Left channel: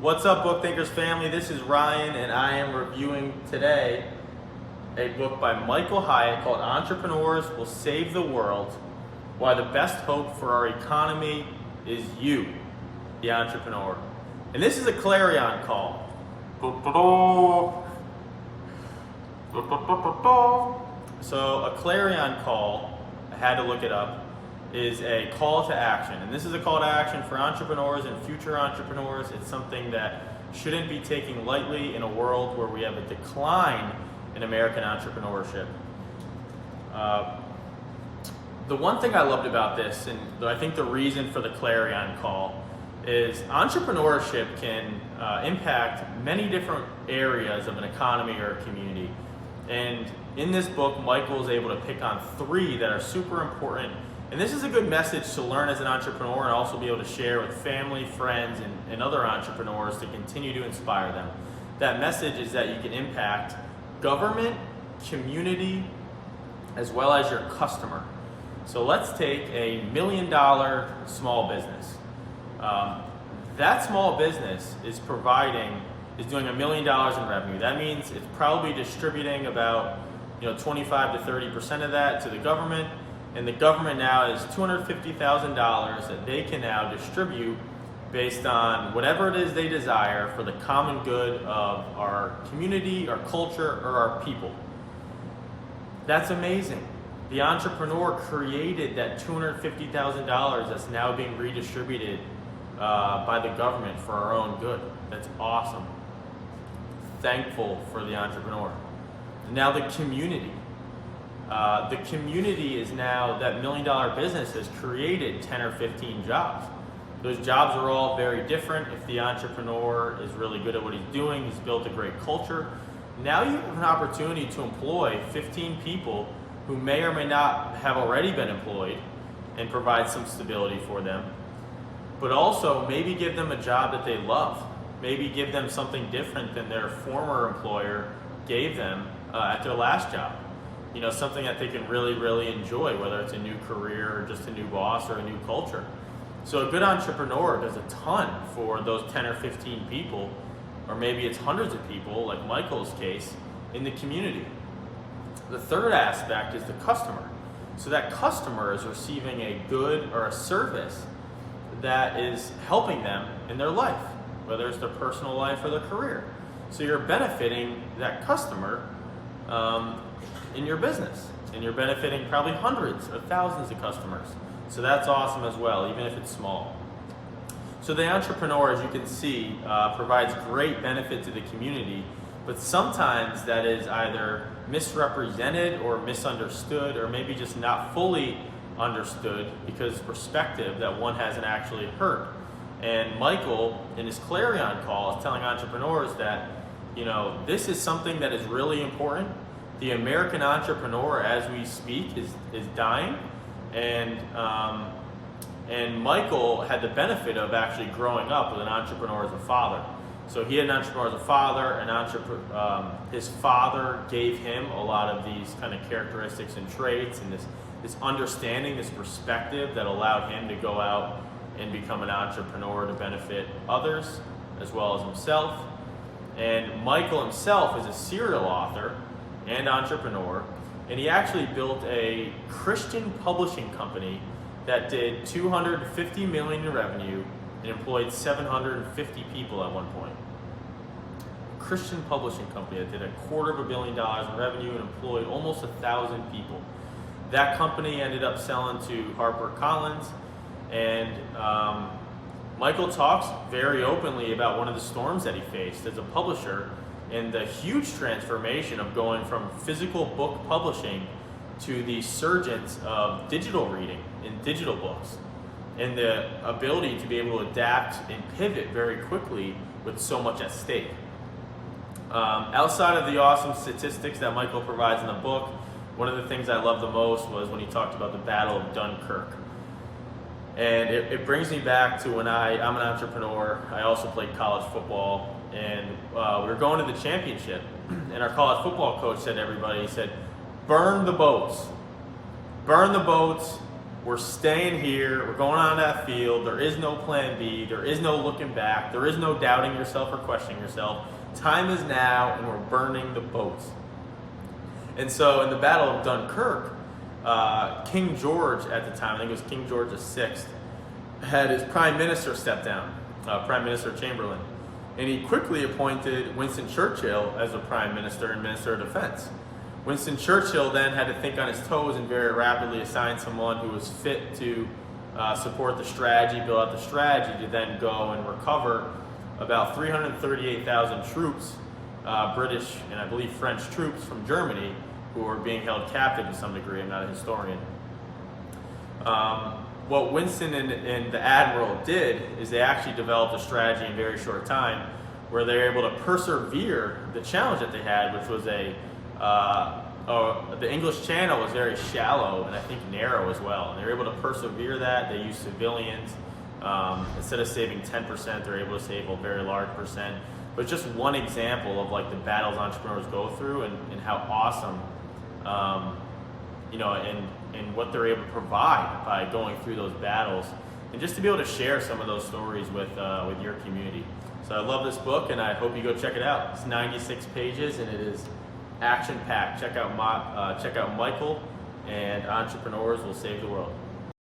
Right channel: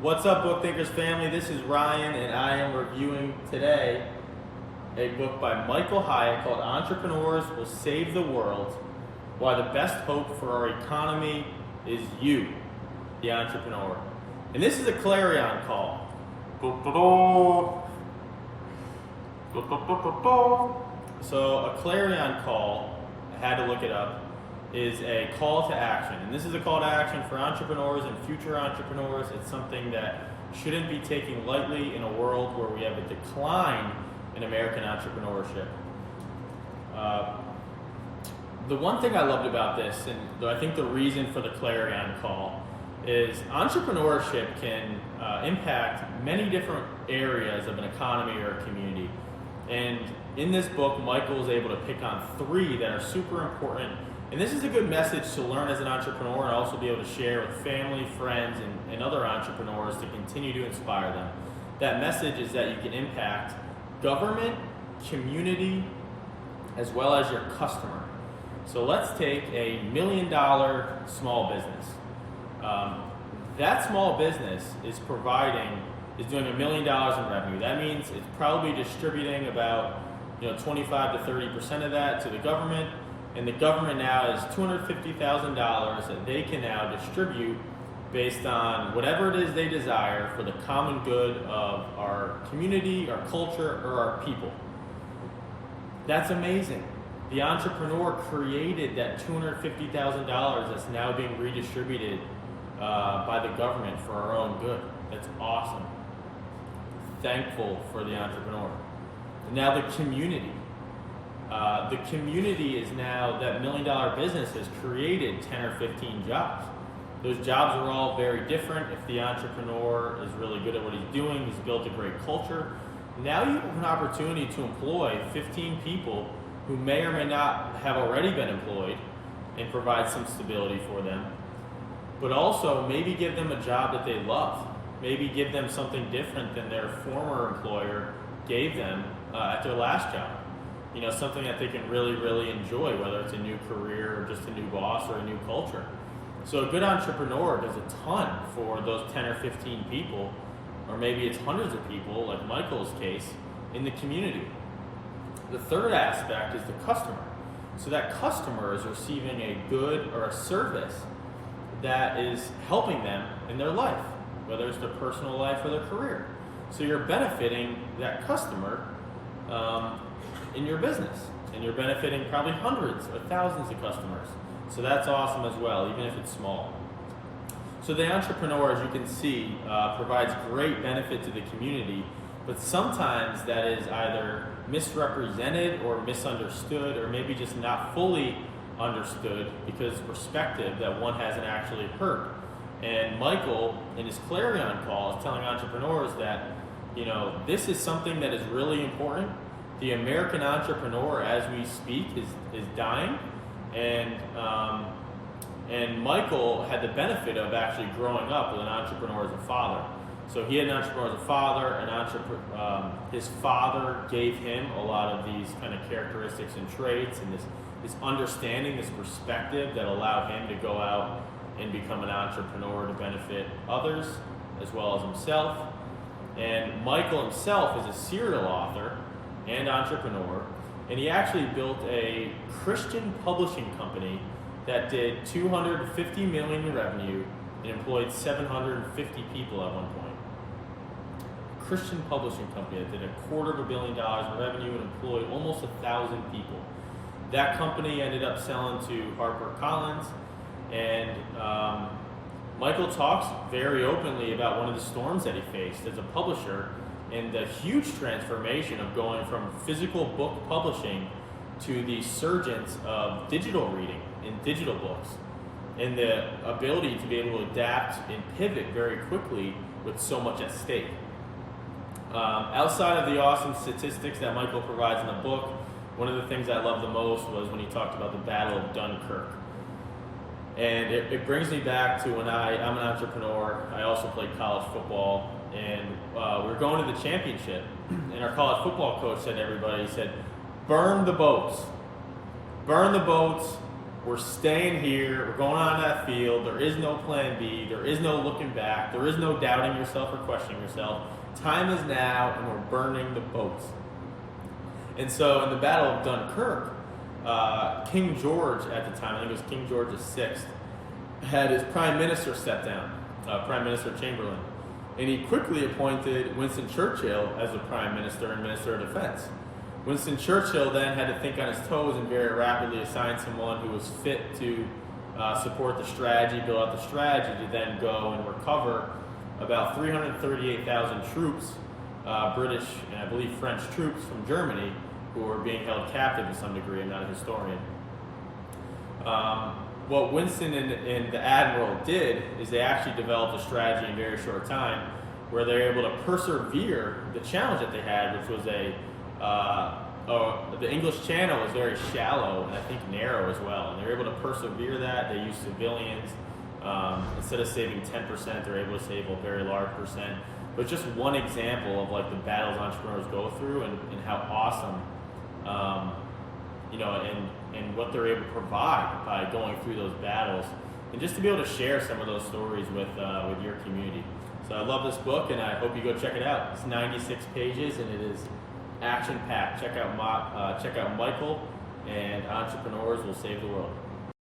What's up, Book Thinkers family? This is Ryan, and I am reviewing today a book by Michael Hyatt called Entrepreneurs Will Save the World, Why the Best Hope for Our Economy is You, the Entrepreneur. And this is a clarion call. So a clarion call, I had to look it up, is a call to action. And this is a call to action for entrepreneurs and future entrepreneurs. It's something that shouldn't be taken lightly in a world where we have a decline in American entrepreneurship. The one thing I loved about this, and I think the reason for the clarion call, is entrepreneurship can impact many different areas of an economy or a community. And in this book, Michael is able to pick on three that are super important. And this is a good message to learn as an entrepreneur and also be able to share with family, friends, and other entrepreneurs to continue to inspire them. That message is that you can impact government, community, as well as your customer. So let's take a $1 million small business. That small business is doing $1 million in revenue. That means it's probably distributing about 25 to 30% of that to the government. And the government now has $250,000 that they can now distribute based on whatever it is they desire for the common good of our community, our culture, or our people. That's amazing. The entrepreneur created that $250,000 that's now being redistributed by the government for our own good. That's awesome. Thankful for the entrepreneur. And now the community. The community is now, that $1 million business has created 10 or 15 jobs. Those jobs are all very different. If the entrepreneur is really good at what he's doing, he's built a great culture. Now you have an opportunity to employ 15 people who may or may not have already been employed and provide some stability for them. But also maybe give them a job that they love. Maybe give them something different than their former employer gave them at their last job. Something that they can really, really enjoy, whether it's a new career or just a new boss or a new culture. So a good entrepreneur does a ton for those 10 or 15 people, or maybe it's hundreds of people, like Michael's case, in the community. The third aspect is the customer. So that customer is receiving a good or a service that is helping them in their life, whether it's their personal life or their career. So you're benefiting that customer in your business, and you're benefiting probably hundreds or thousands of customers. So that's awesome as well, even if it's small. So the entrepreneur, as you can see, provides great benefit to the community, but sometimes that is either misrepresented or misunderstood, or maybe just not fully understood because perspective that one hasn't actually heard. And Michael, in his clarion call, is telling entrepreneurs that this is something that is really important. The American entrepreneur, as we speak, is dying, and Michael had the benefit of actually growing up with an entrepreneur as a father. So he had an entrepreneur as a father, his father gave him a lot of these kind of characteristics and traits, and this understanding, this perspective that allowed him to go out and become an entrepreneur to benefit others as well as himself. And Michael himself is a serial author and entrepreneur, and he actually built a Christian publishing company that did $250 million in revenue and employed 750 people at one point. Christian publishing company that did $250 million in revenue and employed almost 1,000 people. That company ended up selling to HarperCollins, and Michael talks very openly about one of the storms that he faced as a publisher and the huge transformation of going from physical book publishing to the surgence of digital reading and digital books, and the ability to be able to adapt and pivot very quickly with so much at stake. Outside of the awesome statistics that Michael provides in the book, one of the things I loved the most was when he talked about the Battle of Dunkirk. And it brings me back to when I'm an entrepreneur. I also played college football, and we were going to the championship, and our college football coach said to everybody, he said, burn the boats, we're staying here, we're going on that field, there is no plan B, there is no looking back, there is no doubting yourself or questioning yourself. Time is now, and we're burning the boats. And so in the Battle of Dunkirk, King George at the time, I think it was King George VI, had his prime minister step down, Prime Minister Chamberlain. And he quickly appointed Winston Churchill as the Prime Minister and Minister of Defense. Winston Churchill then had to think on his toes and very rapidly assign someone who was fit to support the strategy, build out the strategy to then go and recover about 338,000 troops, British and I believe French troops from Germany, who were being held captive to some degree. I'm not a historian. What Winston and the Admiral did is they actually developed a strategy in a very short time where they were able to persevere the challenge that they had, which was the English Channel was very shallow and I think narrow as well. And they were able to persevere that. They used civilians. Instead of saving 10%, they're able to save a very large percent. But just one example of like the battles entrepreneurs go through and how awesome, and what they're able to provide by going through those battles, and just to be able to share some of those stories with your community. So I love this book, and I hope you go check it out. It's 96 pages, and it is action-packed. Check out Michael, and Entrepreneurs Will Save the World.